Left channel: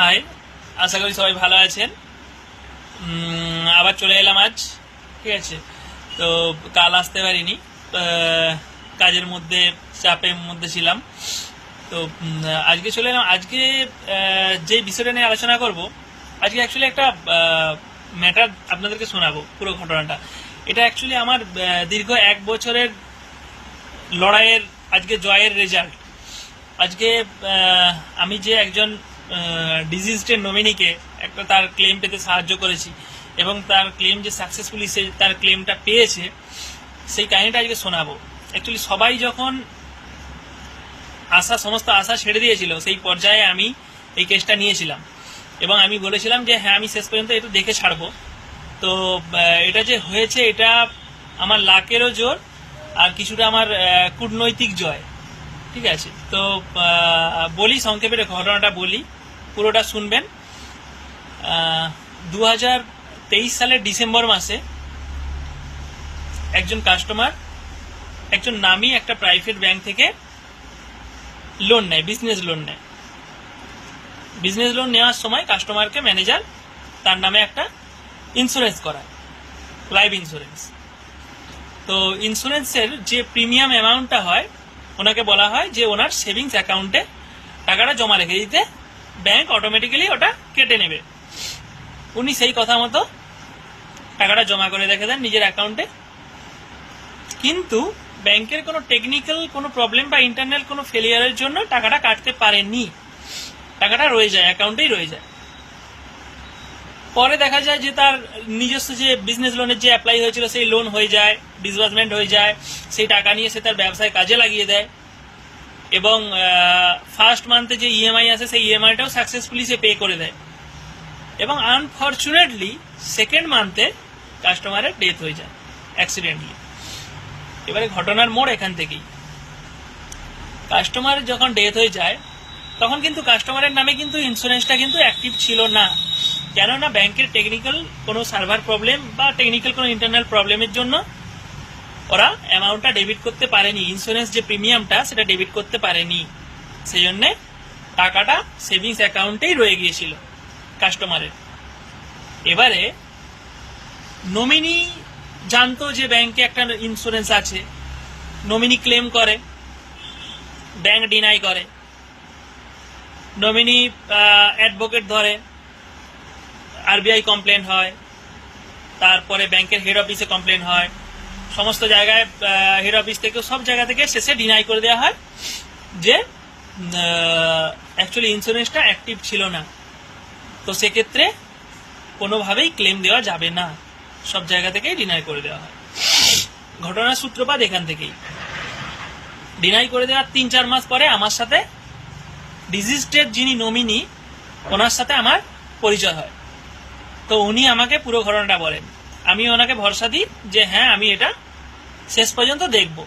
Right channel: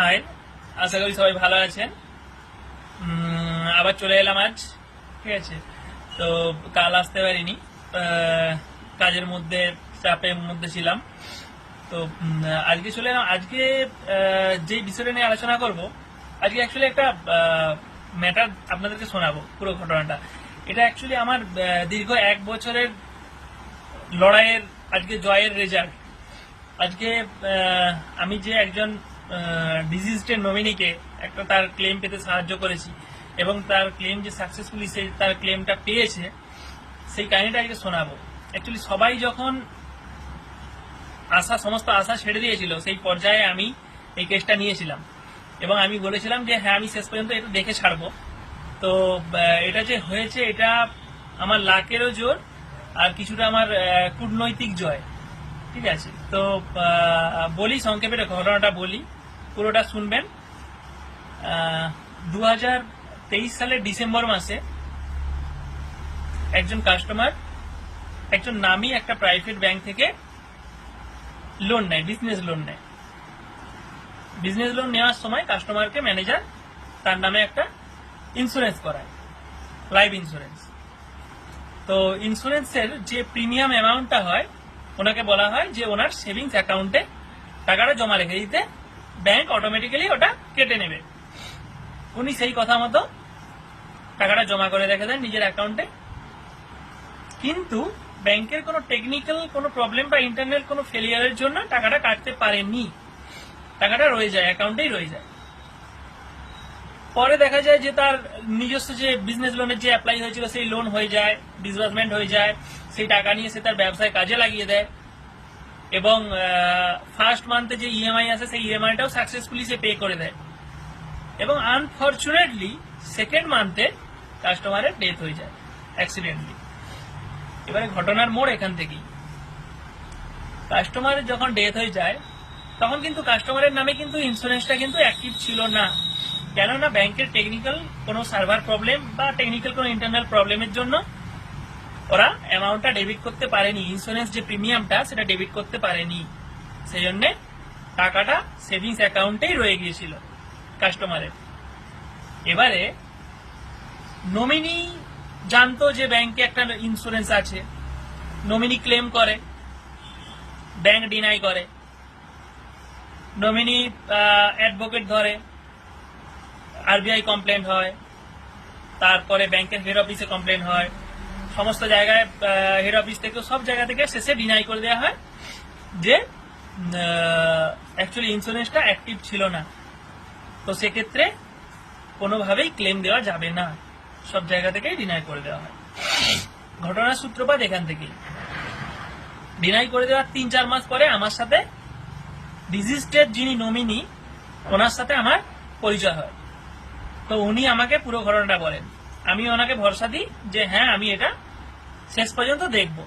High, আশা করি সবাই ভালো আছেন। আবার চলে এলাম আজ, ঠিক আছে। তো কাল আসতে পারিনি, কাজের মধ্যে চাপের মধ্যে ছিলাম। তো আজকে চলে এলাম। আজকে যে বিষয়টা নিয়ে আলোচনা করব, আজকে অ্যাকচুয়ালি একটা ম্যাটার আপনাদেরকে শোনাবো, পুরো ঘটনাটা। এটা অ্যাকচুয়ালি আমার দীর্ঘ 1 বছরের লড়াইয়ের আজকে জয়ের রেজাল্ট। আজকে আমি যে একজন ডিজিজড নমিনিকে একটা তার ক্লেম পেতে সাহায্য করেছি এবং তার ক্লেম যে সাকসেসফুলি সে তার ক্লেমটা পেয়েছে, সেই কাহিনীটা আজকে শোনাবো। অ্যাকচুয়ালি সবাই যখন সমস্ত আশা ছেড়ে দিয়েছিল, সেই পর্যায়ে আমি এই কেসটা নিয়েছিলাম এবং আমি বলেছিলাম যে হ্যাঁ, আমি শেষ পর্যন্ত এটা দেখে ছাড়বো। তো এটা যে হয়েছে, এটা আমার লাকেরও জোর আর কিছুটা আমার কূটনৈতিক জয়, ঠিক আছে। তো বলি, সংক্ষেপে ঘটনাটা বলি, পুরোটা শুনবেন। 2023 সালের ডিসেম্বর মাসে একজন কাস্টমার একজন নামী একটা প্রাইভেট ব্যাংক থেকে লোন নেয়, বিজনেস লোন নেয়। বিজনেস লোন নেওয়ার সময় কাস্টমারকে ম্যানেজার তার নামে একটা ইন্স্যুরেন্স করায়, লাইফ ইন্স্যুরেন্স। তো ইন্স্যুরেন্সের যে প্রিমিয়াম অ্যামাউন্টটা হয়, ওনাকে বলা হয় যে ওনার সেভিংস অ্যাকাউন্টে টাকাটা জমা রেখে দিতে, ব্যাংক অটোমেটিক্যালি ওটা কেটে নেবে। উনি সেই কথা মতো টাকাটা জমা করে রেখে দেন নিজের অ্যাকাউন্টে। কিন্তু ব্যাংকের কোনো টেকনিক্যাল কোনো প্রবলেম বা ইন্টারনাল কোনো ফেলিয়ারের জন্য টাকাটা কাটতে পারেনি, টাকাটা রয়ে যায়, অ্যাকাউন্টেই রয়ে যায়। পরে দেখা যায় যে তার নিজস্ব যে বিজনেস লোনের যে অ্যাপ্লাই হয়েছিল, সেই লোন হয়ে যায়, ডিসবার্সমেন্ট হয়ে যায়। সেই টাকা নিয়ে সে তার ব্যবসায় কাজে লাগিয়ে দেয় এবং ফার্স্ট মান্থে যে ইএমআই আছে, সেই ইএমআইটাও সাকসেসফুলি সে পে করে দেয়। এবং আনফর্চুনেটলি সেকেন্ড মান্থে কাস্টমারের ডেথ হয়ে যায় অ্যাক্সিডেন্টলি। এবারে ঘটনার মোড় এখান থেকেই। কাস্টমার যখন ডেথ হয়ে যায়, তখন কিন্তু কাস্টমারের নামে কিন্তু ইন্স্যুরেন্সটা কিন্তু অ্যাক্টিভ ছিল না। কেননা ব্যাংকের টেকনিক্যাল কোনো সার্ভার প্রবলেম বা টেকনিক্যাল কোনো ইন্টারনাল প্রবলেমের জন্য ওরা অ্যামাউন্টটা ডেবিট করতে পারেনি, ইন্স্যুরেন্স যে প্রিমিয়ামটা সেটা ডেবিট করতে পারেনি। সেই জন্য টাকাটা সেভিংস অ্যাকাউন্টেই রয়ে গিয়েছিল কাস্টমারের। এবারে নমিনি জানতো যে ব্যাংকে একটা ইন্স্যুরেন্স আছে, নমিনি ক্লেম করে, ব্যাংক ডিনাই করে, নমিনি অ্যাডভোকেট ধরে, আরবিআই কমপ্লেন হয়, তারপরে ব্যাংকের হেড অফিসে কমপ্লেন হয়, সমস্ত জায়গায় হেড অফিস থেকে সব জায়গা থেকে শেষে ডিনাই করে দেওয়া হয় যে অ্যাকচুয়ালি ইন্স্যুরেন্সটা অ্যাক্টিভ ছিল না। তো সেক্ষেত্রে কোনোভাবেই ক্লেম দেওয়া যাবে না, সব জায়গা থেকেই ডিনাই করে দেওয়া হয়। ঘটনার সূত্রপাত এখান থেকেই। ডিনাই করে দেওয়ার 3-4 মাস পরে আমার সাথে ডিজিজড যিনি নমিনি, ওনার সাথে আমার পরিচয় হয়। তো উনি আমাকে পুরো ঘটনাটা বলেন। আমি ওনাকে ভরসা দিই যে হ্যাঁ, আমি এটা শেষ পর্যন্ত দেখব।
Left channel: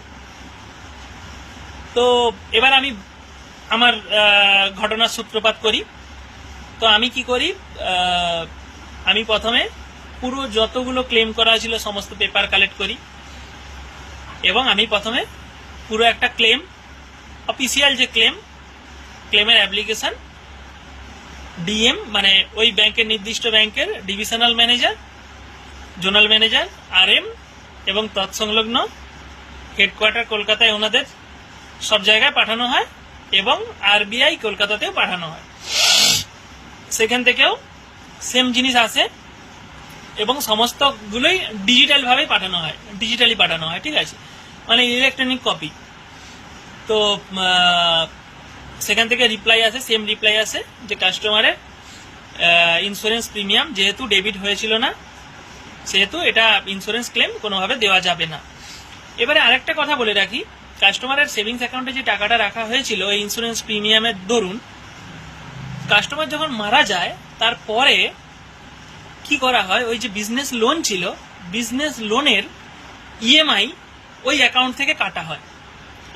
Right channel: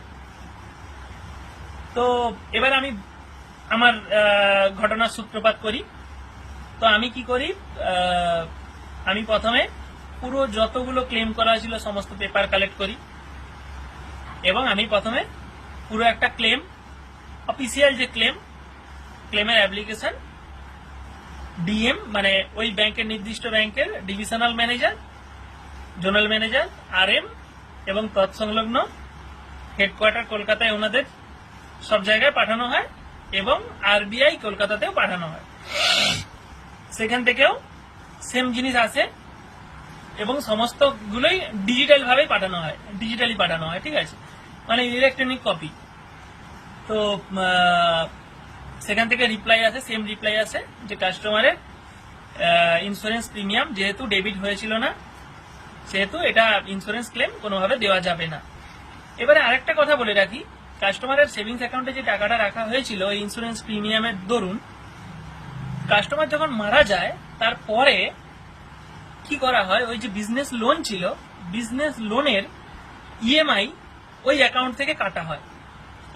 তো এবার আমি আমার ঘটনার সূত্রপাত করি। তো আমি কি করি, আমি প্রথমে পুরো যতগুলো ক্লেম করা ছিল সমস্ত পেপার কালেক্ট করি এবং আমি প্রথমে পুরো একটা ক্লেম, অফিসিয়াল যে ক্লেমের অ্যাপ্লিকেশন, ডিএম মানে ওই ব্যাংকের নির্দিষ্ট ব্যাংকের divisional manager, zonal manager, RM এবং তৎসংলগ্ন হেডকোয়ার্টার কলকাতায় ওনাদের সব জায়গায় পাঠানো হয় এবং আরবিআই কলকাতাতেও পাঠানো হয়। সেখান থেকেও সেম জিনিস আসে এবং সমস্তগুলোই ডিজিটালি পাঠানো হয়, ঠিক আছে, মানে ইলেকট্রনিক কপি। তো সেখান থেকে রিপ্লাই আসে, সেম রিপ্লাই আসে যে কাস্টমারের ইন্স্যুরেন্স প্রিমিয়াম যেহেতু ডেবিট হয়েছিল না, সেহেতু এটা ইন্স্যুরেন্স ক্লেম কোনোভাবে দেওয়া যাবে না। এবারে আরেকটা কথা বলে রাখি, কাস্টমারের সেভিংস অ্যাকাউন্টে যে টাকাটা রাখা হয়েছিল এই ইন্স্যুরেন্স প্রিমিয়ামের দরুন, কাস্টমার যখন মারা যায় তারপরে কি করা হয়, ওই যে বিজনেস লোন ছিল, বিজনেস লোনের ইএমআই ওই অ্যাকাউন্ট থেকে কাটা হয়।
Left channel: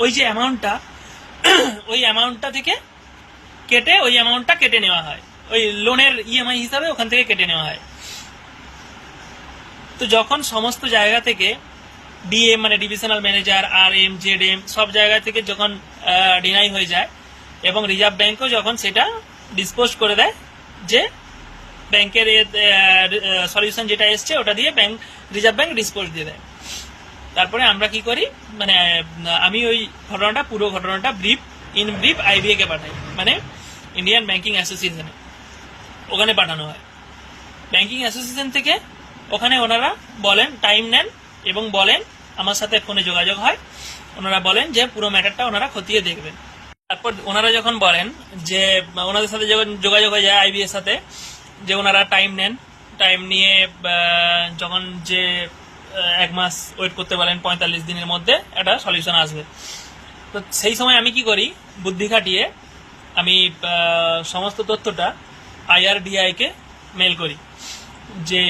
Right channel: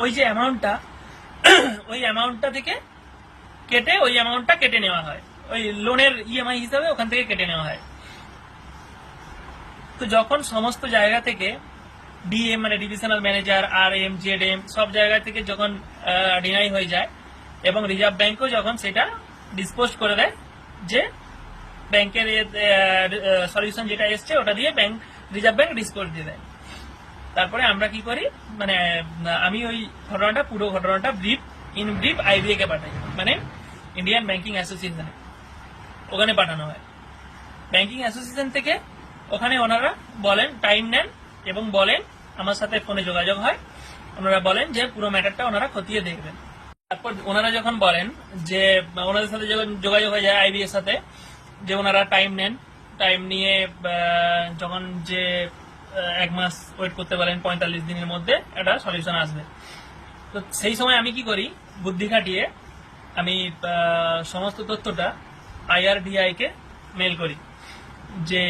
ওই যে অ্যামাউন্টটা, ওই অ্যামাউন্টটা থেকে কেটে ওই অ্যামাউন্টটা কেটে নেওয়া হয়, ওই লোনের ইএমআই হিসাবে ওখান থেকে কেটে নেওয়া হয়। তো যখন সমস্ত জায়গা থেকে ডিএম মানে ডিভিশনাল ম্যানেজার, আরএম, জেডএম সব জায়গা থেকে যখন ডিনাই হয়ে যায় এবং রিজার্ভ ব্যাংকও যখন সেটা ডিসপোজ করে দেয়, যে ব্যাংকের সলিউশন যেটা এসছে ওটা দিয়ে রিজার্ভ ব্যাংক ডিসপোজ দিয়ে দেয়। তারপরে আমরা কি করি, মানে আমি ওই পুরো ঘটনাটা ইন ব্রিফ আইবিএ কে পাঠাই, মানে ইন্ডিয়ান ব্যাংকিং অ্যাসোসিয়েশনে, ওখানে পাঠানো হয়। ব্যাংকিং অ্যাসোসিয়েশন থেকে ওখানে ওনারা বলেন, টাইম নেন এবং বলেন, আমার সাথে ফোনে যোগাযোগ হয়, ওনারা বলেন যে পুরো ম্যাটারটা ওনারা খতিয়ে দেখবেন। তারপর ওনারা যখন বলেন যে ওনাদের সাথে যখন যোগাযোগ হয়ে যায় আইবিএর সাথে, যে ওনারা টাইম নেন, টাইম নিয়ে যখন যে 1 মাস ওয়েট করতে বলেন, 45 দিনের মধ্যে একটা সলিউশন আসবে। তো সেই সময় আমি কি করি, বুদ্ধি খাটিয়ে আমি সমস্ত তথ্যটা IRDAI কে মেল করি যে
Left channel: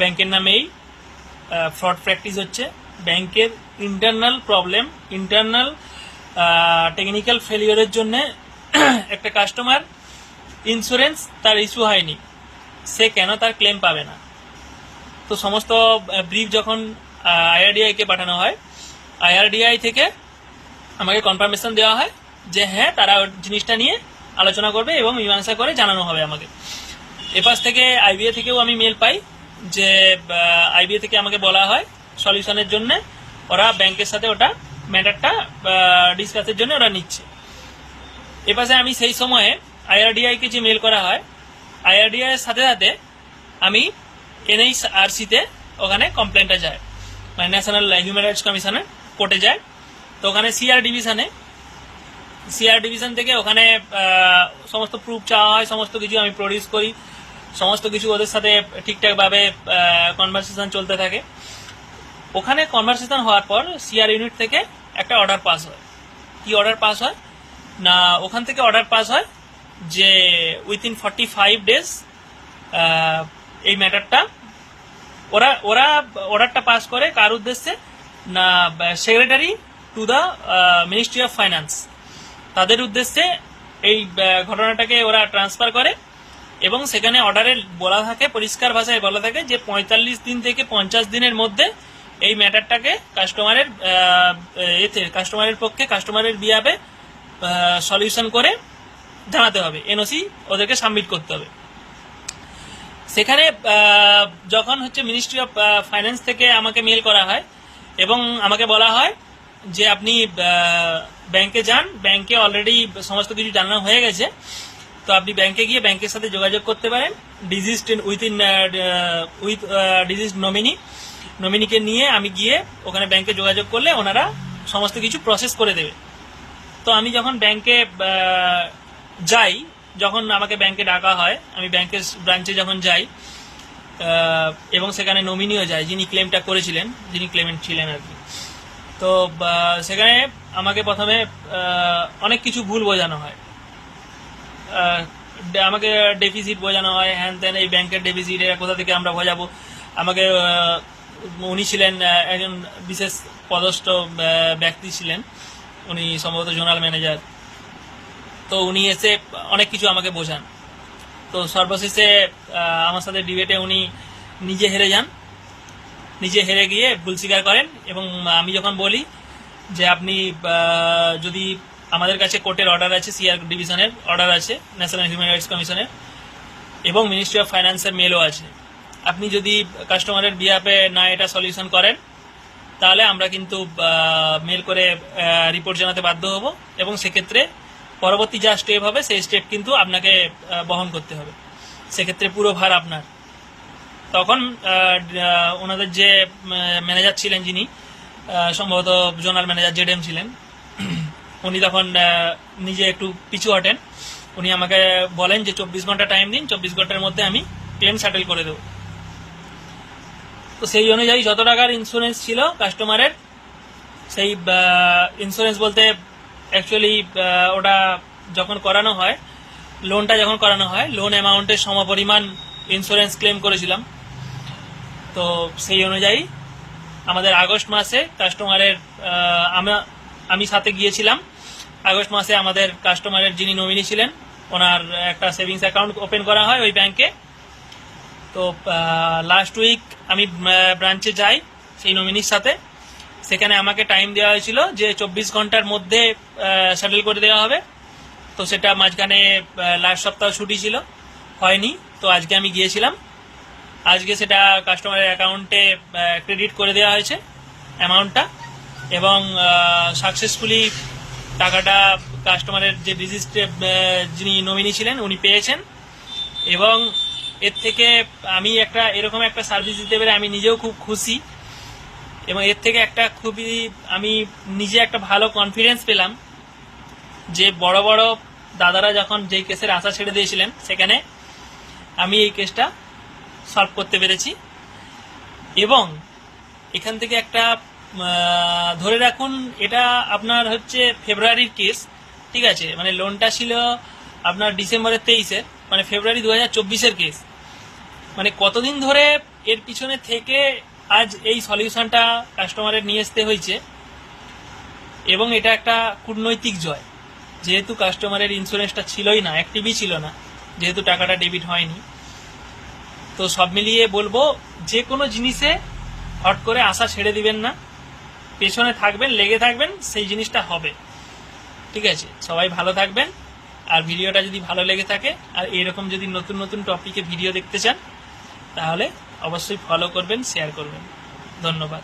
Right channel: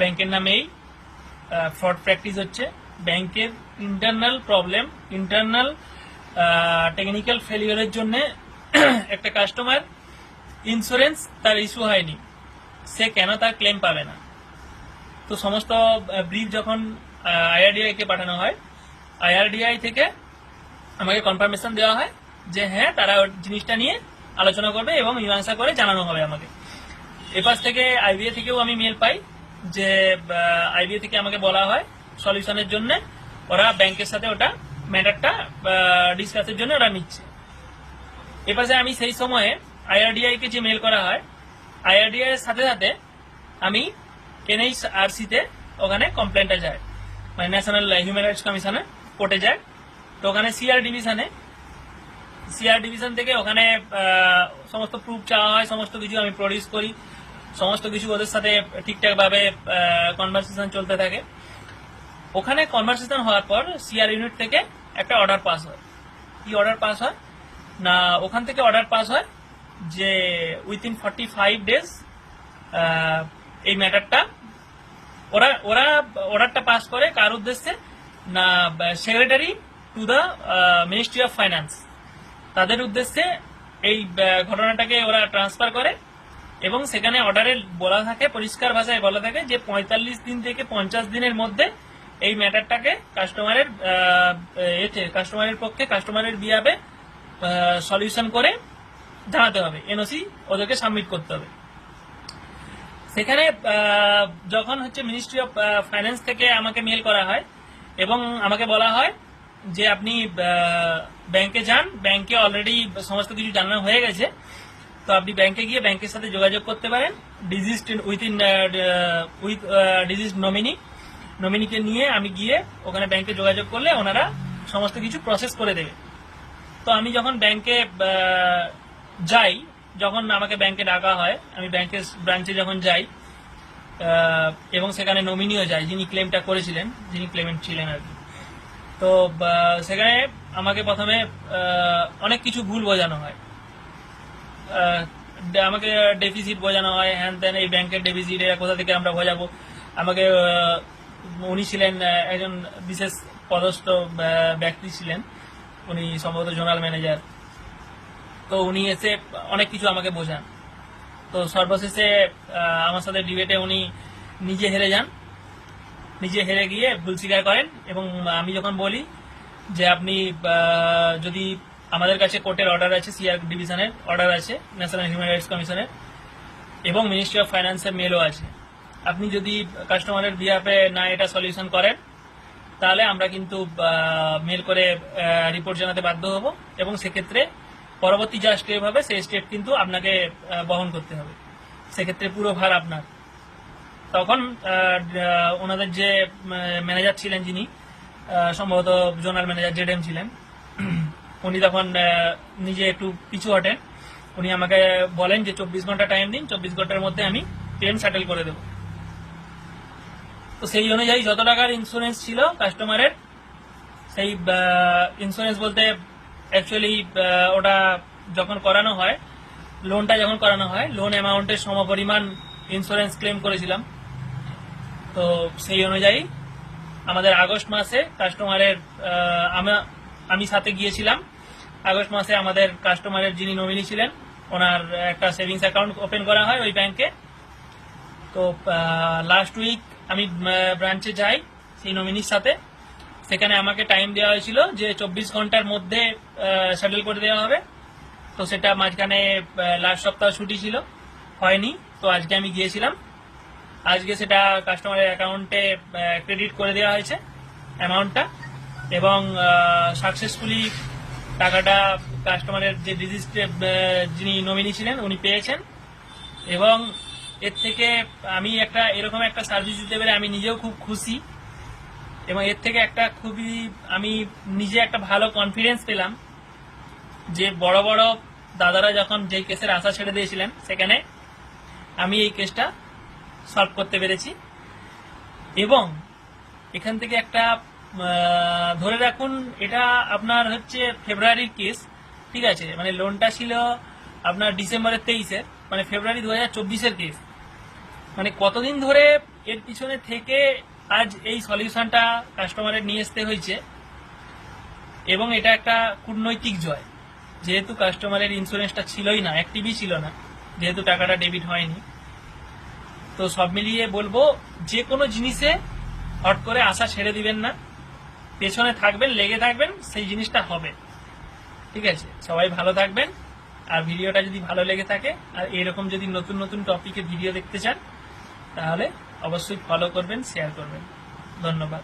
ব্যাংকের নামেই ফ্রড প্র্যাকটিস হচ্ছে, ব্যাংকের ইন্টারনাল প্রবলেম, ইন্টারনাল টেকনিক্যাল ফেলিওরের জন্য একটা কাস্টমার ইন্স্যুরেন্স তার ইস্যু হয়নি, সে কেন তার ক্লেম পাবে না। তো সমস্ত ব্রিফ যখন IRDAI কে পাঠানো হয়, IRDAI থেকে আমাকে কনফার্মেশন দেওয়া হয় যে হ্যাঁ তারা জিনিসটা নিয়ে আলোচনা করবে এবং মীমাংসা করে জানানো হবে আমাকে। এপাশ থেকে আইবিএ থেকেও আমি মেল পাই যে আইবিএ থেকে আমাকে বলা হয় সলিউশনের জন্য ওরা ব্যাংকের সাথে ওটা ম্যাটারটা ডিসকাসের জন্য ওরা নিচ্ছে। এপাশে আমি সেই সময়ে IRDAI কে যে মেল করা হয়, IRDAI এর সাথে সাথে আমি NHRC তে ওখানে কমপ্লেনটা যায়, মানে ন্যাশনাল হিউম্যান রাইটস কমিশনে কোর্টে যায়। তো ওখানে সিআর ডিভিশন থেকে ওখানে সমস্ত প্রুফ চাওয়া হয়, সমস্ত কিছু আমি প্রডিউস করি, সমস্ত কিছু ওদের সাথে ঠিকঠাক ভাবে কনভারসেশন চলতে থাকে। ওখানে কনভারসেশন হওয়ার পর সিআর ইউনিট থেকে একটা অর্ডার পাস হয়। কি অর্ডার পাস হয় না, ওখান থেকে অর্ডার পাস হয় যে উইথিন 45 ডেজ এই ম্যাটারটা ওরা অর্ডারটা পাস করে কার উদ্দেশ্যে না, secretary to the ministry of finance, তাদের উদ্দেশ্যে এই ঘটনাটাকে ওরা ট্রান্সফার করে। এবং সেখানে অর্ডারে বলা থাকে, পরিষ্কার ভাষায় বলা থাকে যে 45 দিন থেকে 50 দিনের মধ্যে এই ম্যাটারটাকে কাস্টমারের পক্ষে, কাস্টমারের বিয়াবে সলিউশন করে জানাতে হবে, এনওসি ওদেরকে সাবমিট করতে হবে। সেখানে যখন হচ্ছে মিনিস্ট্রি অফ ফাইন্যান্স থেকে আমাকে মেল করা হয় এবং আমাকে বলা হয় যে আপনি ব্যাংকে যান, ব্যাংকে অলরেডি সমস্ত কিছু জানানো হয়ে গেছে, তো আপনি ব্যাংকে গিয়ে ব্যাংকের সাথে যোগাযোগ করতে পারেন, উইথ ডিজিজ নমিনিকে নিয়ে আমি গিয়ে ওখানে ব্যাংকে যোগাযোগ করলে ওনারা সমস্ত কিছু প্রসেস করে দেবে। তো আমি যখন ব্যাংকে যাই, যখন আমাকে ব্যাংকে ডাকা হয়, আমি ব্যাংকের ব্রাঞ্চে যখন যাই এবং সেখানে নমিনিও যায়, যিনি ক্লেমটা করেছিলেন, যিনি ক্লেমেন্ট ছিলেন আর কি। তো সেখানে আমাকে প্রথমে অনেক কিছু ভুল বোঝানো হয়, আমাকে ডেফিসিট বোঝানো হয়, হ্যান ত্যান, এই ব্যাংকের ডেফিসিট এরা কোথা থেকে আমরা বোঝাবো। আমাকে উনি ছিলেন একজন বিশেষ পদস্থ ব্যক্তি ছিলেন, উনি সম্ভবত জোনাল ম্যানেজার। তো উনি এসে অনেক কিছু আমাকে বোঝান। তো সর্বশেষে আমার সাথে ডিবেটে উনি নিজে হেরে যান, নিজে হেরে গিয়ে ভুল স্বীকার করেন। এবং আমি যখন বলি যে আপনি যদি আমাদের কাছে কোর্টের অর্ডার আছে, সিআর ডিভিশনের অর্ডার আছে, ন্যাশনাল হিউম্যান রাইটস কমিশনের, এবং মিনিস্ট্রি অফ ফাইন্যান্সের মেলও আছে, আপনি যদি কাস্টমারের বিহাফে না এটা সলিউশন করেন তাহলে আমরা কিন্তু মেল করে রিপোর্ট জানাতে বাধ্য হব এবং সেক্ষেত্রে পরবর্তী যা স্টেপ হবে সেই স্টেপ কিন্তু আপনাকে বহন করতে হবে, সেক্ষেত্রে পুরো ভার আপনার। তখন ওনাদের যে ম্যানেজার ছিলেন, যিনি সম্ভবত জোনাল ম্যানেজার জেডএম ছিলেন, উনি তখন নিজে একটু পিছু হটেন। উনি আমাকে বলেন যে 24 ঘন্টা টাইম দিন, 24 ঘন্টার মধ্যে আমি ক্লেম সেটেল করে দেব। তো সেই অনুযায়ী যত টাকার ইন্স্যুরেন্স ছিল কাস্টমারের, সেই ইন্স্যুরেন্স বলতে অ্যাকচুয়ালি ওটা যখন করানো হয়, লোনটা যখন করানো হয়, লোন অ্যামাউন্টের সমপরিমাণ ইন্স্যুরেন্স ক্লেম করেছিলাম। তো সেই অনুযায়ী আমাদের আগস্ট মাসে কাস্টমারের আমি সাথে গিয়েছিলাম, আগস্ট মাসে আমাদের কাস্টমারের যিনি নমিনি ছিলেন ওনার একটা সেভিংস অ্যাকাউন্ট ওপেন করা হয় ওই ব্যাংকে। তো লাস্ট উইক আমি ব্রাঞ্চে যাই সেই নমিনির সাথে, সেখানে আমাকে টাইম দেওয়া হয়েছিল যে 24 ঘন্টার মধ্যে সেটেল করে দেওয়া হবে। তো সেটা মাঝখানে লাস্ট সপ্তাহ ছুটি ছিল, হয়নি। তো আজকে আমি গিয়েছিলাম, আজকে সেটা কাস্টমারের অ্যাকাউন্টে ক্রেডিট করে দেওয়া হয়েছে অ্যামাউন্টটা, এবং সাকসেসফুলি টাকাটা কাস্টমারের যে রেজিস্ট্রেড যিনি নমিনি ছিলেন উনি পেয়েছেন। এবং এর থেকে আমি একটা এরকম একটা সার্ভিস দিতে পেরে আমি নিজেও খুব খুশি, এবং এর থেকে একটা খুবই আমি নিজে একটা ভালো কনফিডেন্স পেলাম যে বড় বড় দাদারা যখন যেই কেসের আশা ছেড়ে দিয়েছিলেন সেখানে আমি এই কেসটা সলভ করতে পেরেছি। এবং এখান থেকে একটা ধরে রাখুন এটা আপনার হচ্ছে ফেব্রুয়ারির কেস, ঠিক আছে, মানে লোনটা ছিল আপনার ডিসেম্বরের 23-এ, মানে ফেব্রুয়ারি 2024-এর কেস। মানে কতদিন ধরে এর পিছনে থেকে আজ এই সলিউশনটা কাস্টমারের নিয়ে আসতে হয়েছে, এবং এটা একটা কূটনৈতিক জয়, যেহেতু কাস্টমারের ইন্স্যুরেন্সটা ছিলই না, অ্যাক্টিভই ছিল না, যেহেতু টাকাটা ডেবিট হয়নি। তো সব মিলিয়ে বলবো যে কোনো জিনিসে হট করে আশা ছেড়ে দিবেন না, পেছনে থাকবেন, লেগে থাকবেন, সেই জিনিসটা হবে। ঠিক আছে, সবাই ভালো থাকবেন। আর ভিডিওটা যদি ভালো লেগে থাকে আর এরকম যদি নতুন নতুন টপিকে ভিডিও দেখতে চান তাহলে অবশ্যই ফলো করবেন, শেয়ার করবেন। ধন্যবাদ।